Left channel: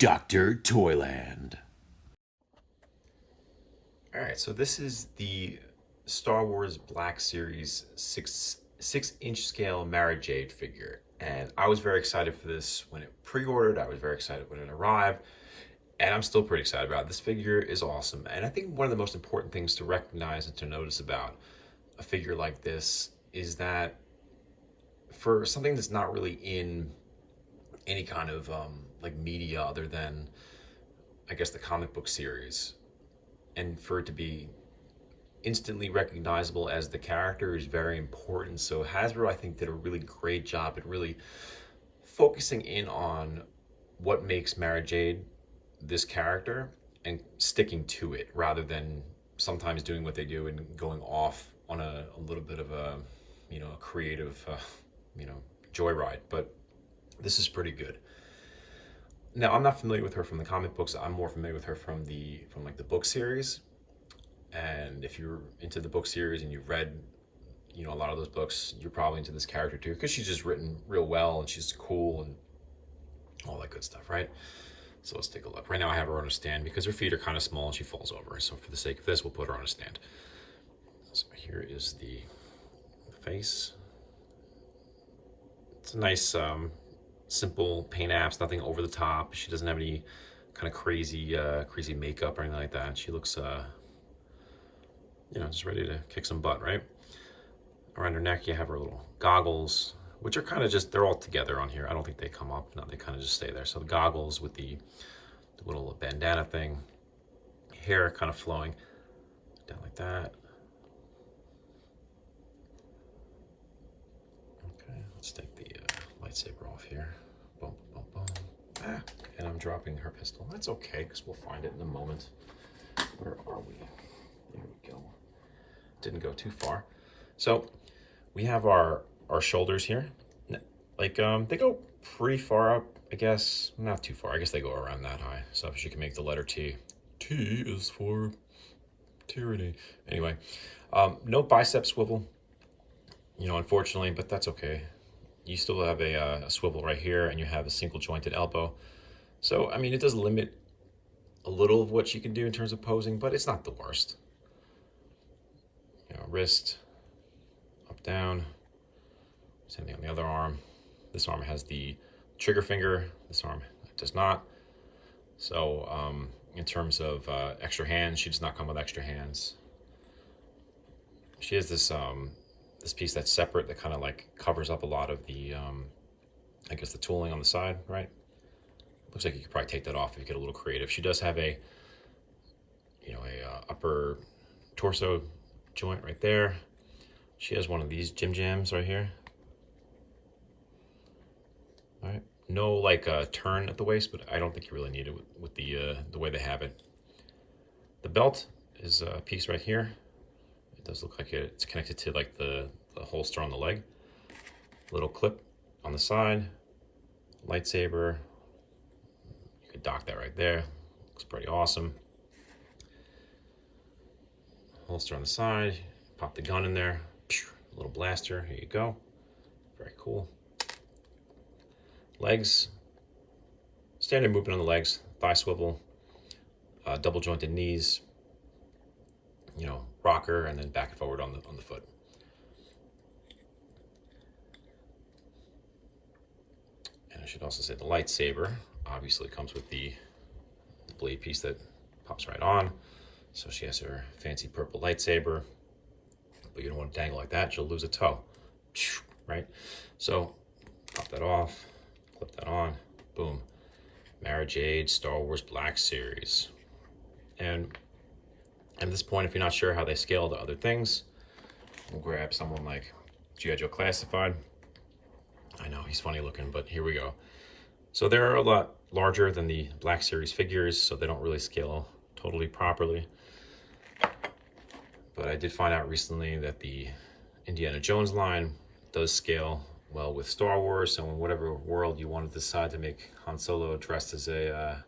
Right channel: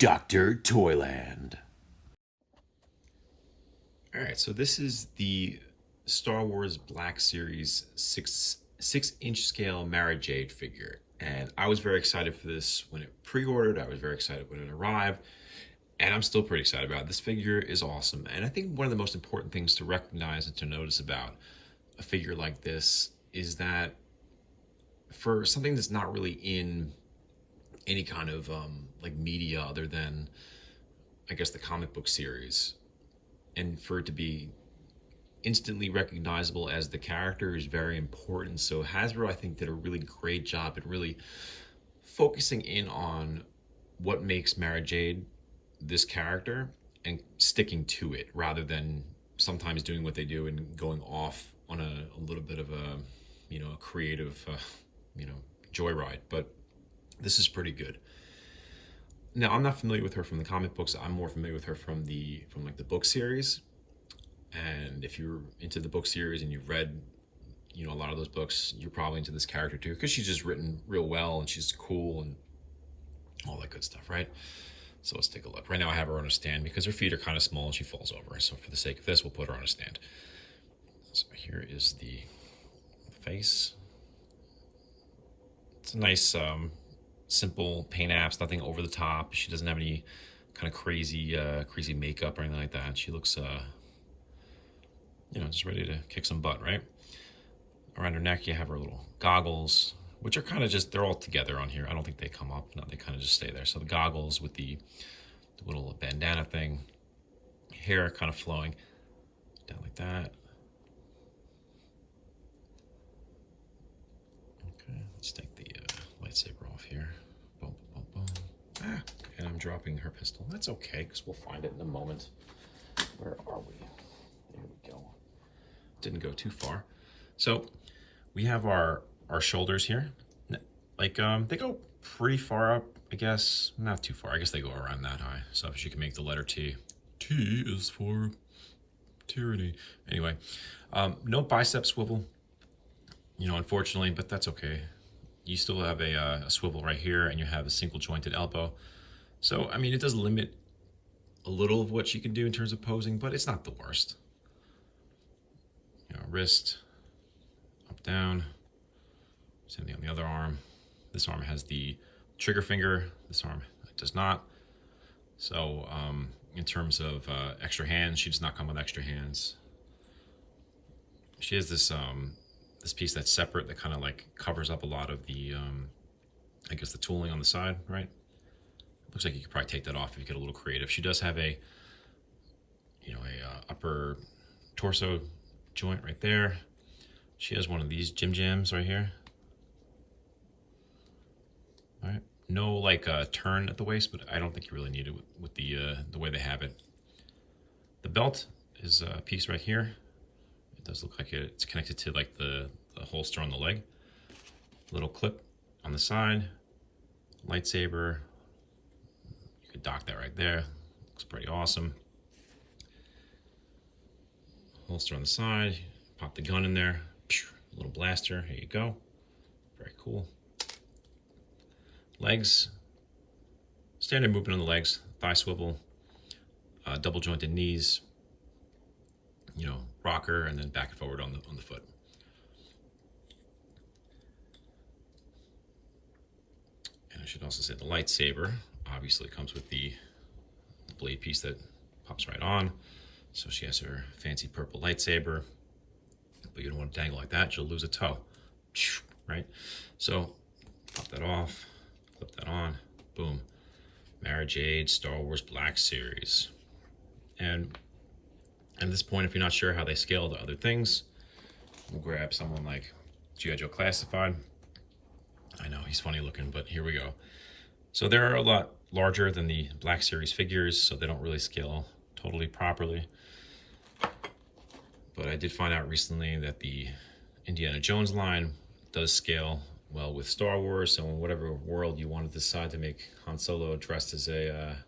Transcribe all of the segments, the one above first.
Dr. Toyland. All right, so this is the Star Wars Black Series six-inch scale Mara Jade figure, and I was very excited for this when it pre-ordered. I was very excited when it arrived, and I'm still pretty excited about it. This figure is awesome, and I think one of the most important things to recognize and to notice about a figure like this is that for something that's not really in any kind of like media other than, I guess, the comic book series, and for it to be instantly recognizable as the character is very important. So Hasbro, I think, did a really great job at really focusing in on what makes Mara Jade this character and sticking to it rather than sometimes doing what they do and going off on a little bit of a, a creative, joyride. But this is pretty good. Now, I'm not familiar with her from the comic books. I'm more familiar with her from like the book series. And if you're into the book series and you've read, a lot of those books, you're probably into this character too, because she's just written real well and she's cool and all that good stuff, right? So let's take a look. Right now I have her on a stand because her feet are kind of small and she falls over. So for the sake of this, we'll put her on a stand. So here is the face. It's a nice, simple paint apps, nothing over the top. She doesn't have any kind of crazy makeup or anything like that. She looks, just ready to kick some butt, right? Around her neck, you have her little goggles, which are kind of just, they're all together on here. I don't think they come up. No, they kind of just stay there. So the goggles with the little bandana thing, hair kind of flowing down like that. Okay, let's take the lightsaber off here. Boom, boom, boom. Ah, and I'm dropping her pistol. That's okay, because we'll find it in a moment. Where are we? There we go. Didn't go too far. So we have our shoulders here. Like, they go pretty far up, I guess. Not too far. I guess they go around that high. So if you can make the letter T. T is for tyranny. Anyway, no bicep swivel, unfortunately, but that's okay. You still have a swivel right here, and you have a single jointed elbow. So, I mean, it does limit a little of what she can do in terms of posing, but it's not the worst. Wrist, up, down. Same thing on the other arm. This arm has the trigger finger. This arm does not. So in terms of extra hands, she does not come with extra hands. She has this this piece that's separate that kind of like covers up a lot of the, I guess, the tooling on the side, right? Looks like you could probably take that off if you get a little creative. She does have a, upper torso joint right there. She has one of these Jim Jams right here. All right, no like turn at the waist, but I don't think you really need it with the way they have it. The belt is a piece right here. It does look like it's connected to like the holster on the leg. Little clip on the side. Lightsaber. You could dock that right there. Looks pretty awesome. Holster on the side. Pop the gun in there. A little blaster. Here you go. Very cool. Legs, standard movement on the legs, thigh swivel, double jointed knees, rocker, and then back and forward on the foot. And I should also say the lightsaber obviously comes with the blade piece that pops right on. So she has her fancy purple lightsaber, but you don't want to dangle like that, she'll lose a toe, right? So pop that off. Clip that on, boom. Mara Jade, Star Wars Black Series. And at this point, if you're not sure how they scale to other things, we'll grab someone like G.I. Joe Classified. I know, he's funny looking, but here we go. So they're a lot larger than the Black Series figures, so they don't really scale totally properly. But I did find out recently that the Indiana Jones line does scale well with Star Wars, so in whatever world you want to decide to make Han Solo dressed as a,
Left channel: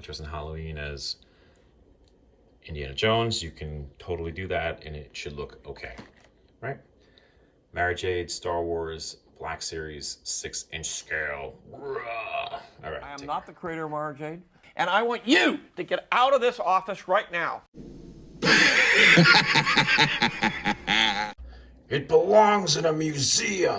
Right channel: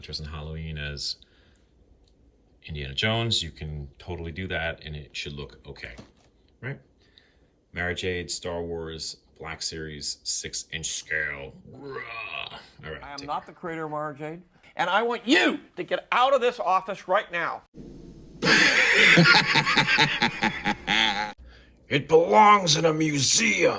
dressed in Halloween as Indiana Jones, you can totally do that, and it should look okay, right? Mara Jade, Star Wars, Black Series, 6-inch scale. All right. am not the creator of Mara Jade, and I want you to get out of this office right now. It belongs in a museum.